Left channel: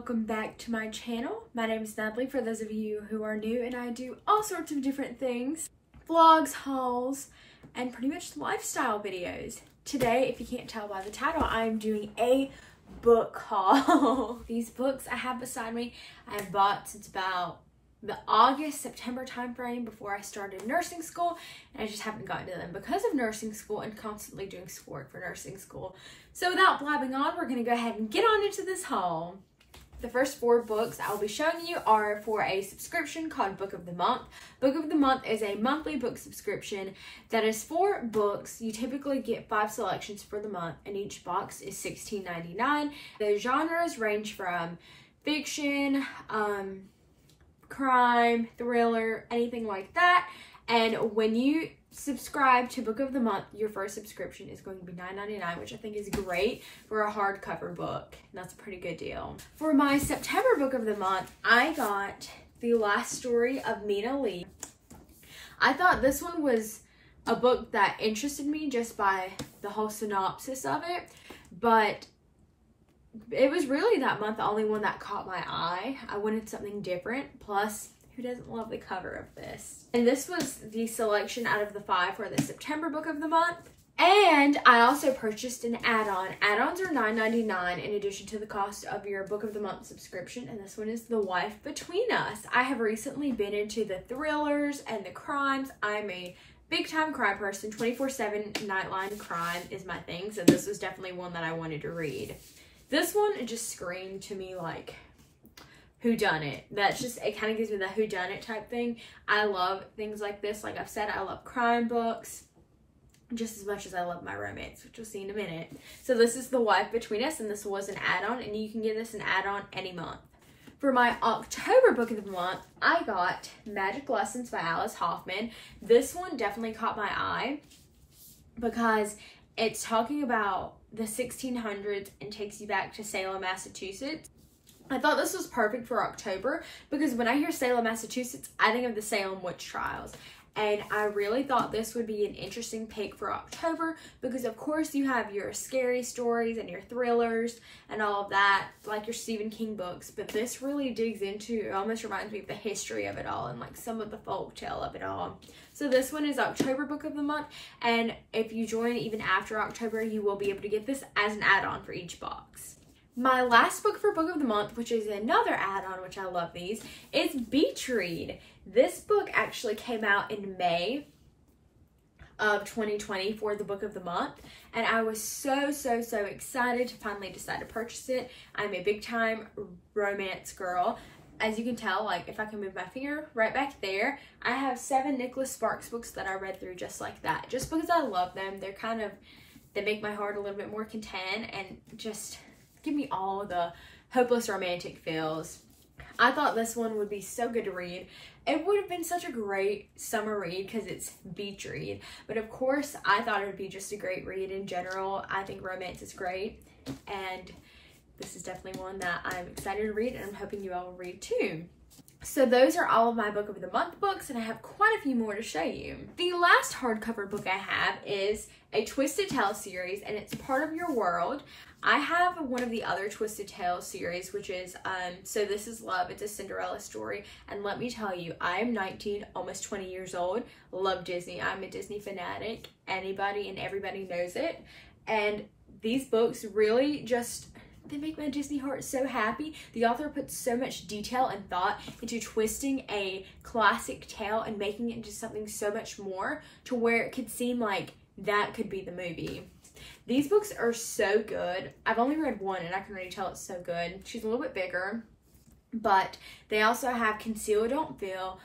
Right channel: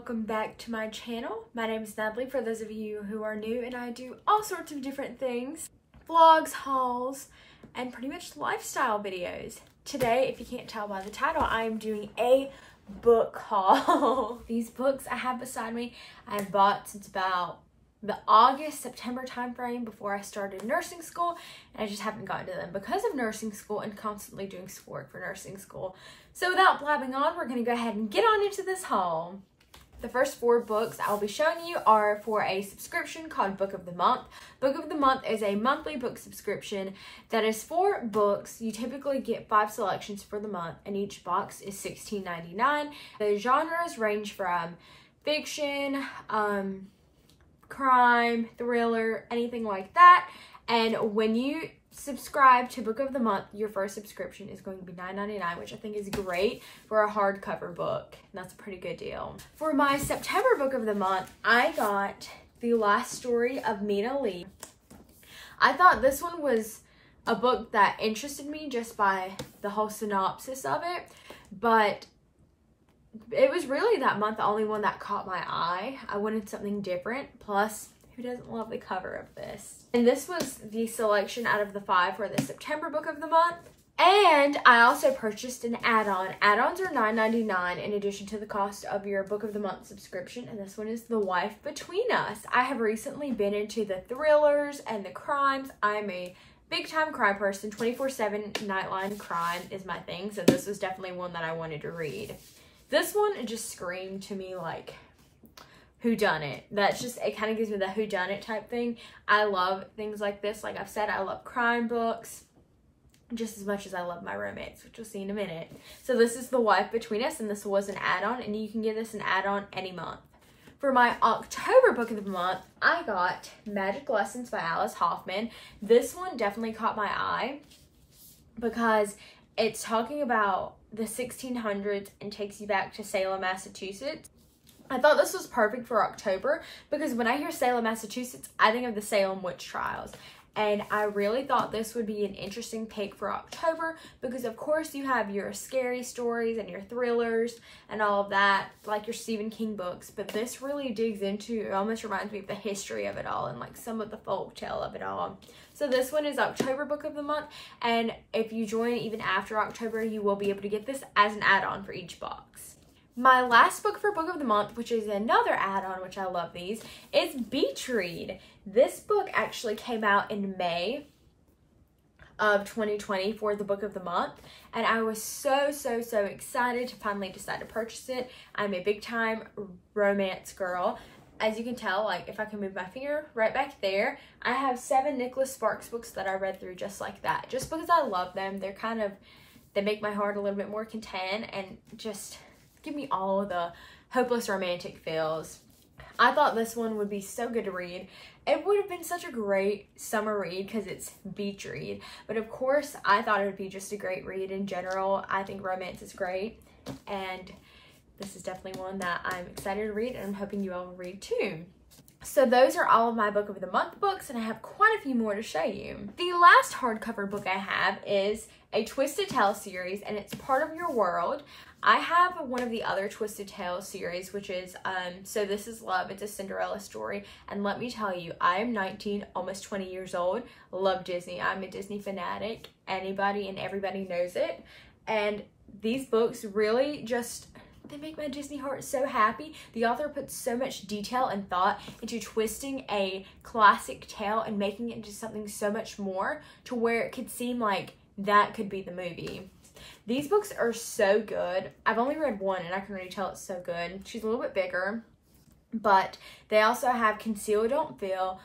welcome back to my channel. My name is Natalie for those of you who are new, and I do all sorts of different things. Vlogs, hauls, and pretty much lifestyle videos. Today, if you can't tell by the title, I am doing a book haul. These books I have beside me, I have bought since about the August-September time frame before I started nursing school, and I just haven't gotten to them because of nursing school and constantly doing schoolwork for nursing school. So without blabbing on, we're going to go ahead and get on into this haul. The first 4 books I will be showing you are for a subscription called Book of the Month. Book of the Month is a monthly book subscription that is 4 books. You typically get 5 selections for the month, and each box is $16.99. The genres range from fiction, crime, thriller, anything like that. And when you subscribe to Book of the Month, your first subscription is going to be $9.99, which I think is great for a hardcover book. That's a pretty good deal. For my September Book of the Month, I got The Last Story of Mina Lee. I thought this one was a book that interested me just by the whole synopsis of it, but it was really that month the only one that caught my eye. I wanted something different, plus who doesn't love the cover of this? And this was the selection out of the 5 for the September Book of the Month. And I also purchased an add-on. Add-ons are $9.99 in addition to the cost of your Book of the Month subscription. And this one is The Wife Between Us. I have recently been into the thrillers and the crimes. I'm a big-time crime person. 24/7 Nightline crime is my thing. So this was definitely one that I wanted to read. This one, it just screamed to me like whodunit. That's just, it kind of gives me the whodunit type thing. I love things like this. Like I've said, I love crime books just as much as I love my romance, which we'll see in a minute. So this is The Wife Between Us, and this was an add-on, and you can get this an add-on any month. For my October Book of the Month, I got Magic Lessons by Alice Hoffman. This one definitely caught my eye because it's talking about the 1600s and takes you back to Salem, Massachusetts. I thought this was perfect for October because when I hear Salem, Massachusetts, I think of the Salem witch trials. And I really thought this would be an interesting pick for October because of course you have your scary stories and your thrillers and all of that, like your Stephen King books. But this really digs into, it almost reminds me of the history of it all and like some of the folktale of it all. So this one is October Book of the Month, and if you join even after October, you will be able to get this as an add-on for each box. My last book for Book of the Month, which is another add-on, which I love these, is Beach Read. This book actually came out in May of 2020 for the Book of the Month, and I was so excited to finally decide to purchase it. I'm a big-time romance girl. As you can tell, like if I can move my finger right back there, I have 7 Nicholas Sparks books that I read through just like that, just because I love them. They're kind of, they make my heart a little bit more content and just give me all the hopeless romantic feels. I thought this one would be so good to read. It would have been such a great summer read because it's beach read. But of course, I thought it would be just a great read in general. I think romance is great. And this is definitely one that I'm excited to read, and I'm hoping you all will read too. So those are all of my Book of the Month books, and I have quite a few more to show you. The last hardcover book I have is a Twisted Tale series, and it's Part of Your World. I have one of the other Twisted Tale series, which is, So This Is Love. It's a Cinderella story. And let me tell you, I am 19, almost 20 years old. Love Disney. I'm a Disney fanatic. Anybody and everybody knows it. And these books really just, they make my Disney heart so happy. The author puts so much detail and thought into twisting a classic tale and making it into something so much more to where it could seem like that could be the movie. These books are so good. I've only read one and I can already tell it's so good. She's a little bit bigger, but they also have Conceal Don't Feel,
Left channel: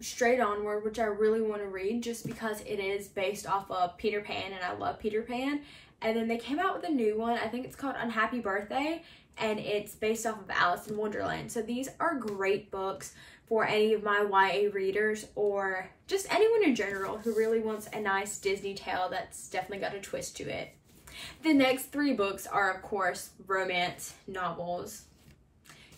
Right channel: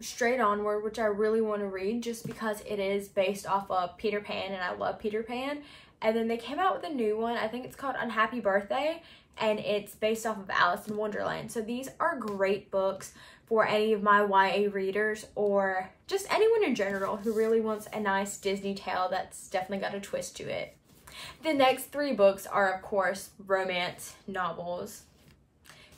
Straight Onward, which I really want to read just because it is based off of Peter Pan and I love Peter Pan. And then they came out with a new one. I think it's called Unhappy Birthday, and it's based off of Alice in Wonderland. So these are great books for any of my YA readers or just anyone in general who really wants a nice Disney tale that's definitely got a twist to it. The next 3 books are, of course, romance novels.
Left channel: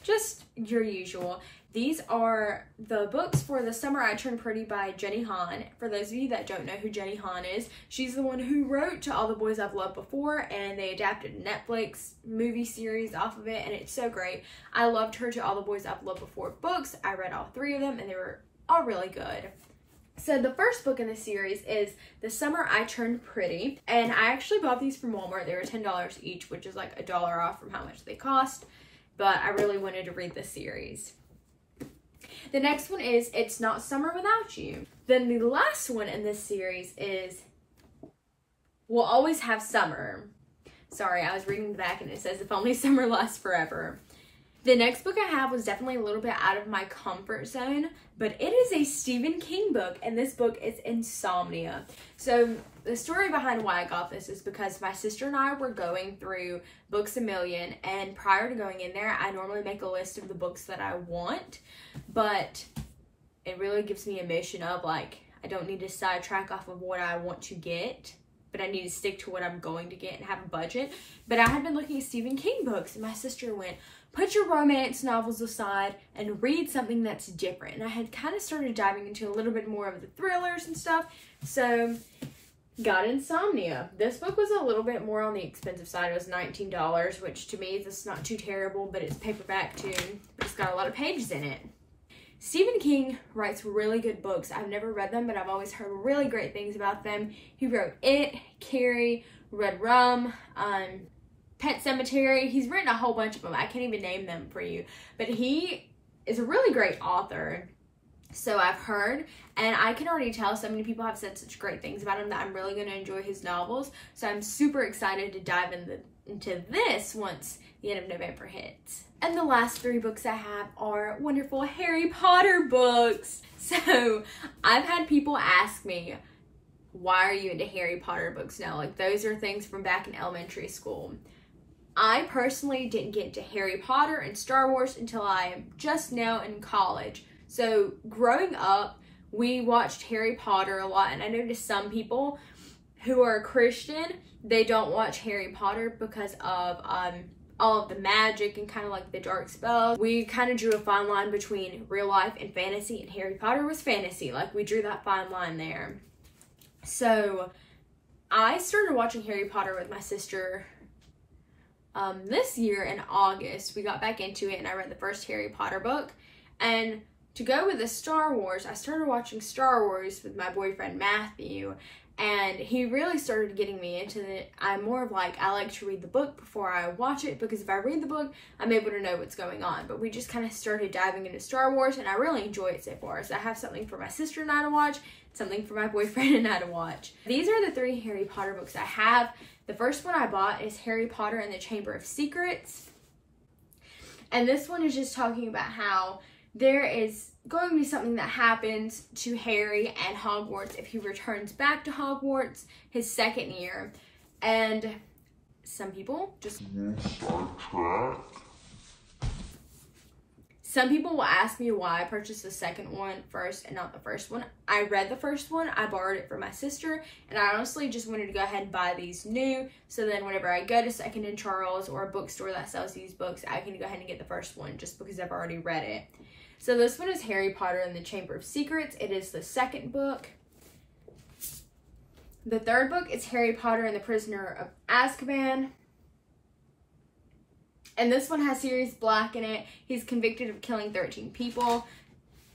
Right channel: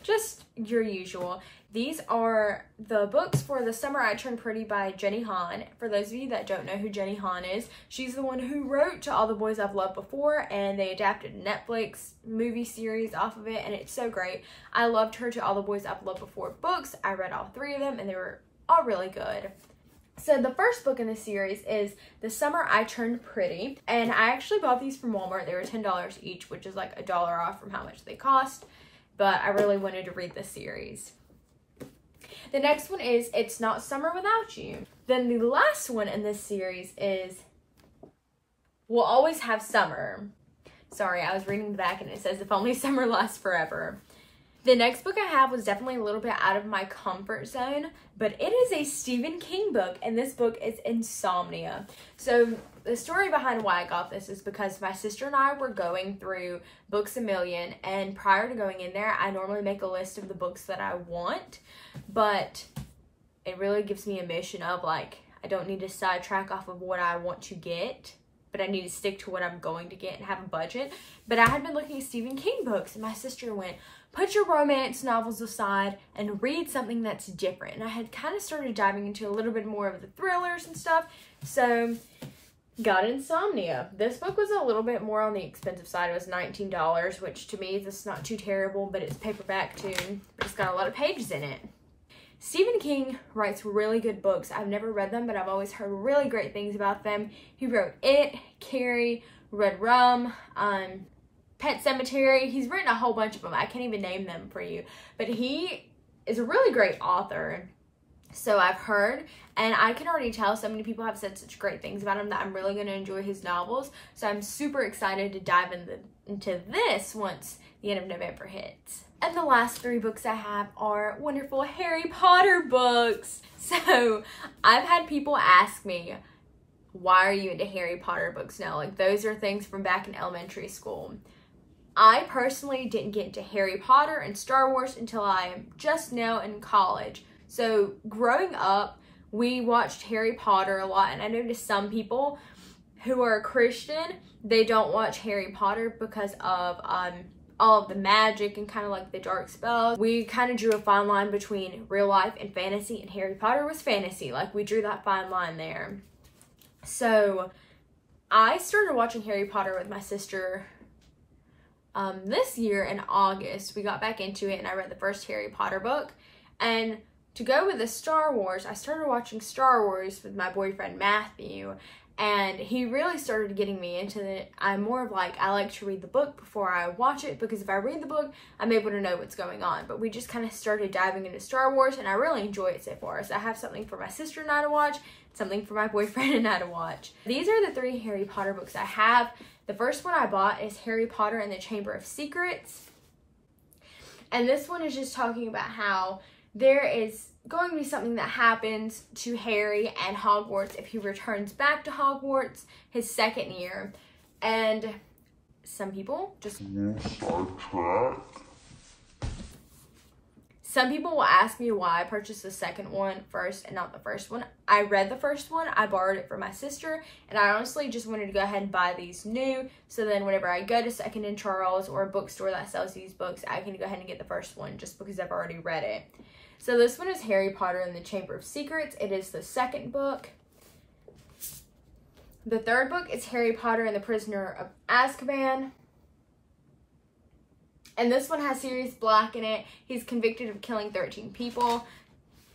Just your usual. These are the books for The Summer I Turned Pretty by Jenny Han. For those of you that don't know who Jenny Han is, she's the one who wrote To All the Boys I've Loved Before, and they adapted a Netflix movie series off of it, and it's so great. I loved her To All the Boys I've Loved Before books. I read all 3 of them, and they were all really good. So the first book in the series is The Summer I Turned Pretty, and I actually bought these from Walmart. They were $10 each, which is like $1 off from how much they cost, but I really wanted to read this series. The next one is It's Not Summer Without You. Then the last one in this series is We'll Always Have Summer. Sorry, I was reading the back and it says If Only Summer Lasts Forever. The next book I have was definitely a little bit out of my comfort zone, but it is a Stephen King book, and this book is Insomnia. So the story behind why I got this is because my sister and I were going through Books A Million, and prior to going in there, I normally make a list of the books that I want, but it really gives me a mission of like, I don't need to sidetrack off of what I want to get, but I need to stick to what I'm going to get and have a budget. But I had been looking at Stephen King books, and my sister went, put your romance novels aside and read something that's different. And I had kind of started diving into a little bit more of the thrillers and stuff. So got Insomnia. This book was a little bit more on the expensive side. It was $19, which to me is not too terrible, but it's paperback too. But it's got a lot of pages in it. Stephen King writes really good books. I've never read them, but I've always heard really great things about them. He wrote It, Carrie, Red Rum, Pet Sematary. He's written a whole bunch of them. I can't even name them for you, but he is a really great author. So I've heard, and I can already tell so many people have said such great things about him that I'm really going to enjoy his novels. So I'm super excited to dive into this once the end of November hits. And the last 3 books I have are wonderful Harry Potter books. So I've had people ask me, why are you into Harry Potter books now? Like, those are things from back in elementary school. I personally didn't get into Harry Potter and Star Wars until I am just now in college. So growing up, we watched Harry Potter a lot, and I noticed some people who are Christian, they don't watch Harry Potter because of all of the magic and kind of like the dark spells. We kind of drew a fine line between real life and fantasy, and Harry Potter was fantasy. Like, we drew that fine line there. So I started watching Harry Potter with my sister this year in August. We got back into it and I read the first Harry Potter book. And to go with the Star Wars, I started watching Star Wars with my boyfriend Matthew, and he really started getting me into it. I'm more of like, I like to read the book before I watch it, because if I read the book, I'm able to know what's going on. But we just kind of started diving into Star Wars, and I really enjoy it so far. So I have something for my sister and I to watch, something for my boyfriend and I to watch. These are the 3 Harry Potter books I have. The first one I bought is Harry Potter and the Chamber of Secrets. And this one is just talking about how there is going to be something that happens to Harry and Hogwarts if he returns back to Hogwarts his 2nd year. And some people just... Some people will ask me why I purchased the second one first and not the first one. I read the first one, I borrowed it from my sister, and I honestly just wanted to go ahead and buy these new, so then whenever I go to Second and Charles or a bookstore that sells these books, I can go ahead and get the first one just because I've already read it. So this one is Harry Potter and the Chamber of Secrets. It is the 2nd book. The 3rd book is Harry Potter and the Prisoner of Azkaban. And this one has Sirius Black in it. He's convicted of killing 13 people.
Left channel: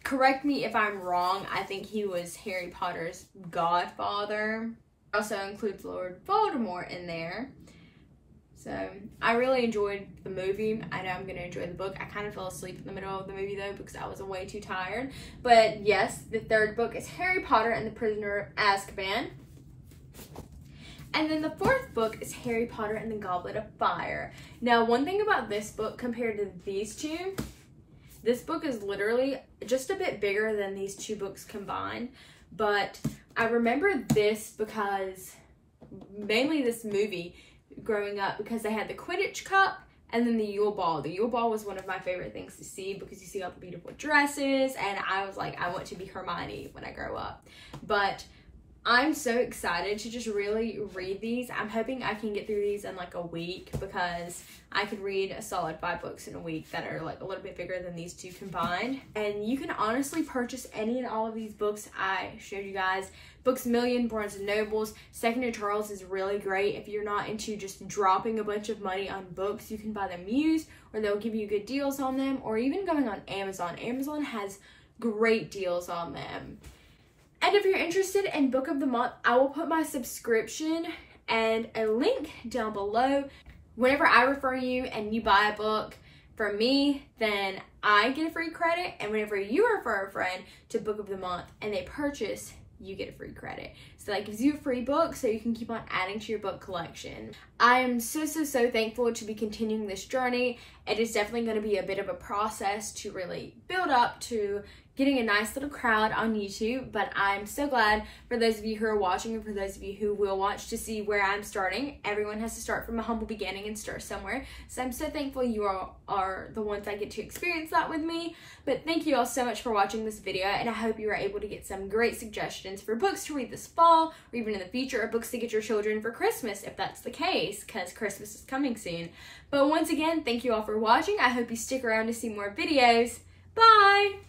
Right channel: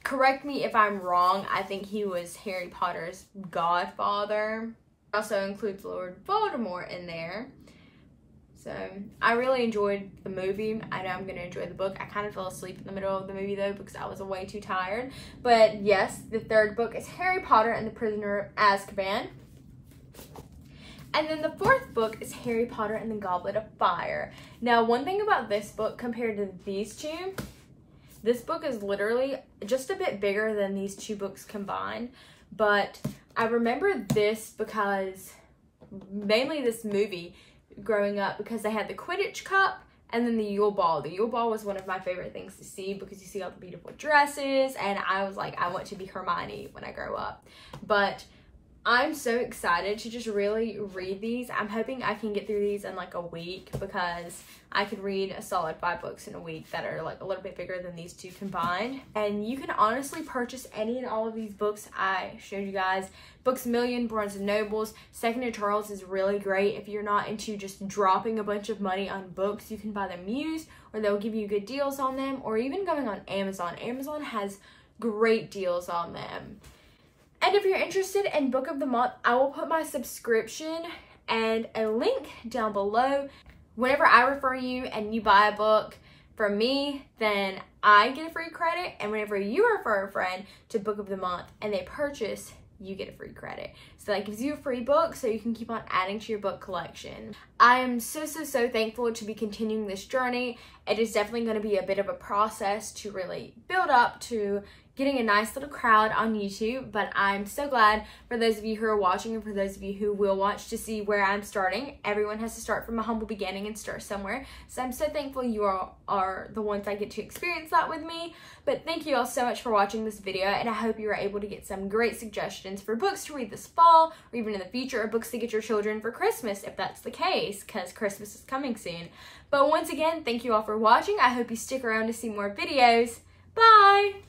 Correct me if I'm wrong. I think he was Harry Potter's godfather. It also includes Lord Voldemort in there. So I really enjoyed the movie. I know I'm going to enjoy the book. I kind of fell asleep in the middle of the movie though because I was way too tired. But yes, the 3rd book is Harry Potter and the Prisoner of Azkaban. And then the 4th book is Harry Potter and the Goblet of Fire. Now, one thing about this book compared to these 2, this book is literally just a bit bigger than these 2 books combined. But I remember this because, mainly this movie growing up, because they had the Quidditch Cup and then the Yule Ball. The Yule Ball was one of my favorite things to see because you see all the beautiful dresses, and I was like, I want to be Hermione when I grow up. But I'm so excited to just really read these. I'm hoping I can get through these in like a week, because I could read a solid 5 books in a week that are like a little bit bigger than these two combined. And you can honestly purchase any and all of these books I showed you guys. Books A Million, Barnes & Noble's. Second to Charles is really great. If you're not into just dropping a bunch of money on books, you can buy them used, or they'll give you good deals on them, or even going on Amazon. Amazon has great deals on them. And if you're interested in Book of the Month, I will put my subscription and a link down below. Whenever I refer you and you buy a book from me, then I get a free credit. And whenever you refer a friend to Book of the Month and they purchase, you get a free credit. So that gives you a free book so you can keep on adding to your book collection. I am so thankful to be continuing this journey. It is definitely going to be a bit of a process to really build up to getting a nice little crowd on YouTube, but I'm so glad for those of you who are watching and for those of you who will watch to see where I'm starting. Everyone has to start from a humble beginning and start somewhere. So I'm so thankful you all are the ones that get to experience that with me. But thank you all so much for watching this video, and I hope you were able to get some great suggestions for books to read this fall, or even in the future, or books to get your children for Christmas if that's the case, because Christmas is coming soon. But once again, thank you all for watching. I hope you stick around to see more videos. Bye!